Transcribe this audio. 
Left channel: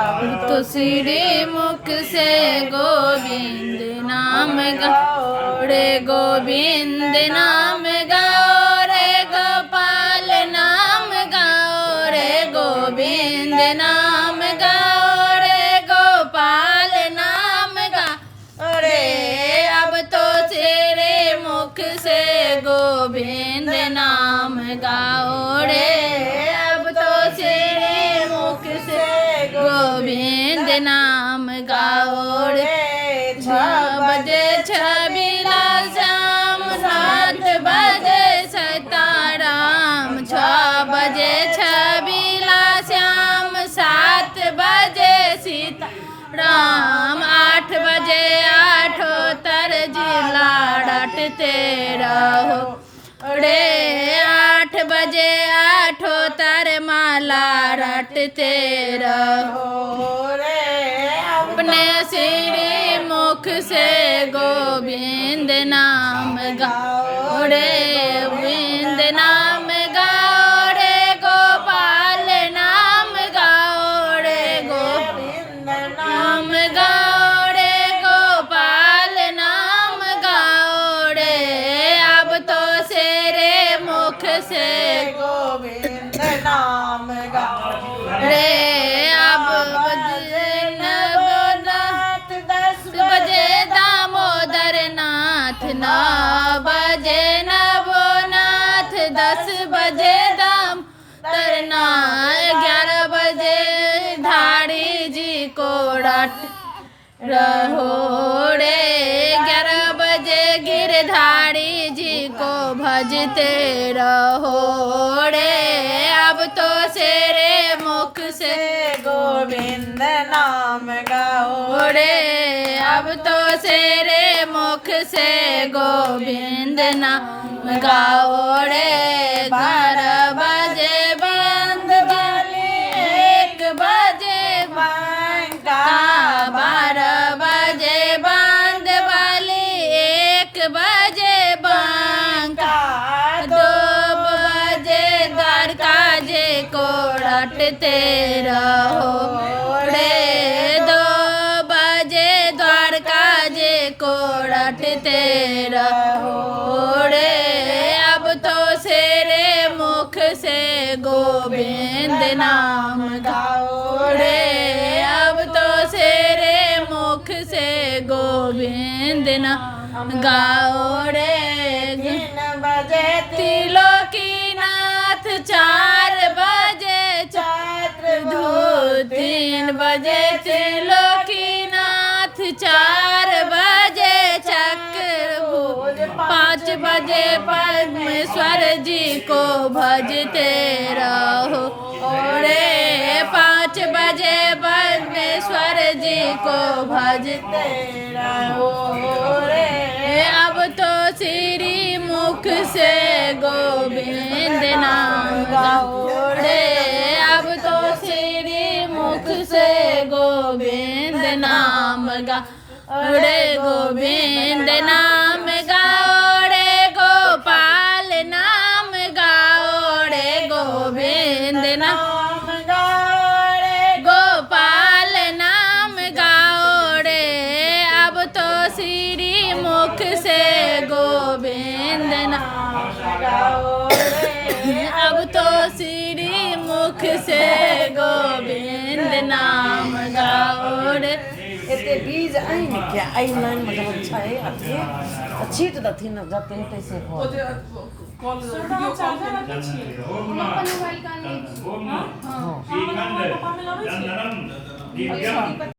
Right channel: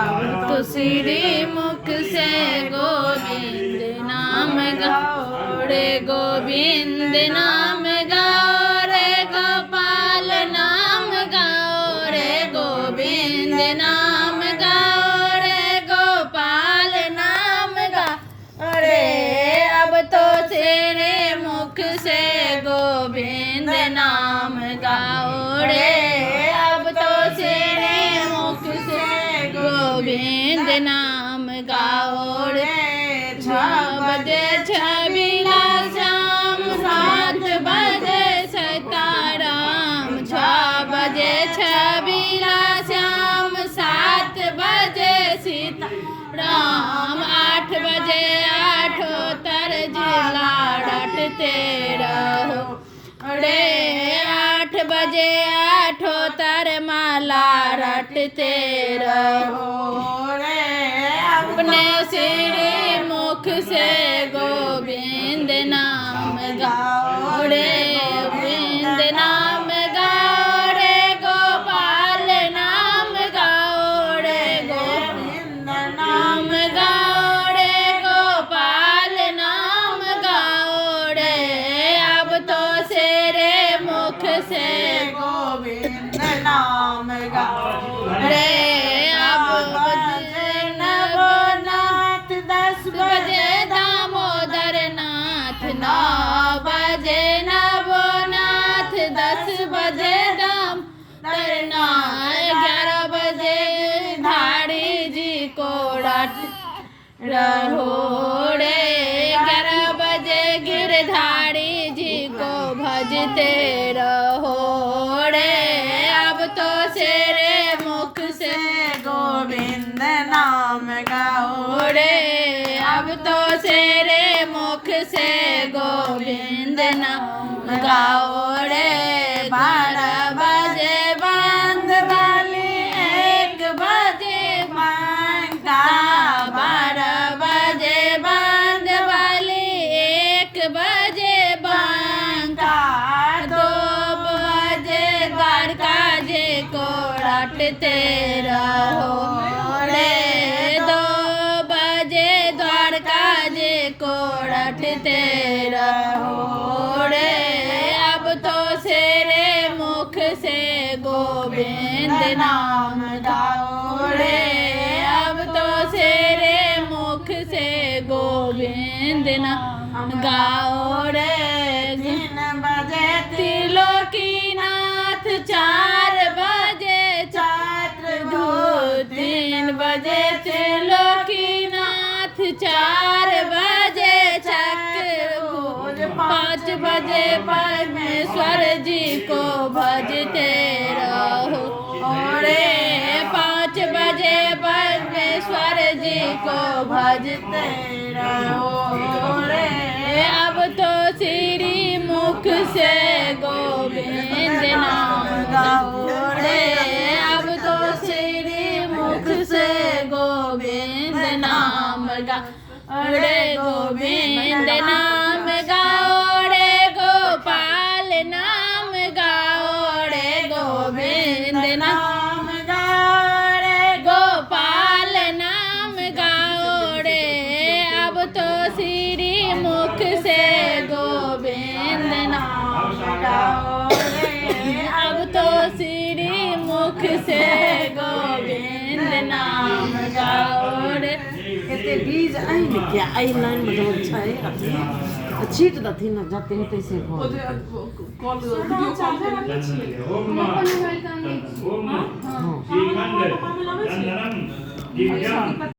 तो श्री मुख से गोविंद नाम गाओ रे, गोविंद नाम गाओ रे, गोपाल नाम गाओ रे, गोविंद नाम गाओ रे, गोपाल नाम गाओ रे। अब तो तेरे मुख से गोविंद नाम गाओ रे, अब तो तेरे मुख से गोविंद नाम गाओ रे। 6 बजे छबीला शाम, 7 बजे सीताराम। 6 बजे छबीला शाम, 7 बजे सीताराम। 8 बजे आठोत्तर जिला रटते रहो रे, 8 बजे आठोत्तर माला रटते रहो रे। अपने श्री मुख से गोविंद नाम गाओ रे, गोविंद नाम गाओ रे, गोपाल नाम गाओ रे, गोविंद नाम गाओ रे, गोपाल नाम गाओ रे। अब तो तेरे मुख से गोविंद नाम गाओ रे। अब बजे नवनाथ, 10 बजे दामोदर नाथ। 9 बजे नवनाथ, 10 बजे दामोदर नाथ। 11 बजे धाड़ी जी को रट रहो रे, 11 बजे गिरधारी जी को भजते रहो रे। अब तो तेरे मुख से गोविंद नाम गाओ रे, अब तो तेरे मुख से गोविंद नाम गाओ रे। 12 बजे बंद वाली, 1 बजे बांका। 12 बजे बंद वाली, 1 बजे बांका। 2 बजे द्वारका जी को रटते रहो रे, 2 बजे द्वारका जी को रटते रहो रे। अब तो तेरे मुख से गोविंद नाम गाओ रे, अब तो तेरे मुख से गोविंद नाम गाओ रे। 3 बजे त्रिलोकीनाथ, 4 बजे चक्रधूत। 3 बजे त्रिलोकीनाथ, 4 बजे चक्रधूत। 5 बजे परमेश्वर जी को भजते रहो रे, 5 बजे परमेश्वर जी को भजते रहो रे। अब तो श्री मुख से गोविंद नाम गाओ रे, अब तो श्री मुख से गोविंद नाम गाओ रे, गोविंद नाम गाओ रे, गोपाल नाम गाओ रे, गोविंद नाम गाओ रे, गोपाल नाम गाओ रे। अब तो श्री मुख से गोविंद नाम गाओ रे, अब तो श्री मुख से गोविंद नाम गाओ रे। एते बीज आई क्या आई लाइन में जो अच्छा है अच्छी तो दथी न जाते हैं कैसे हो कॉल वीडियो कॉल करके छिए अपन मोबाइल का हां हां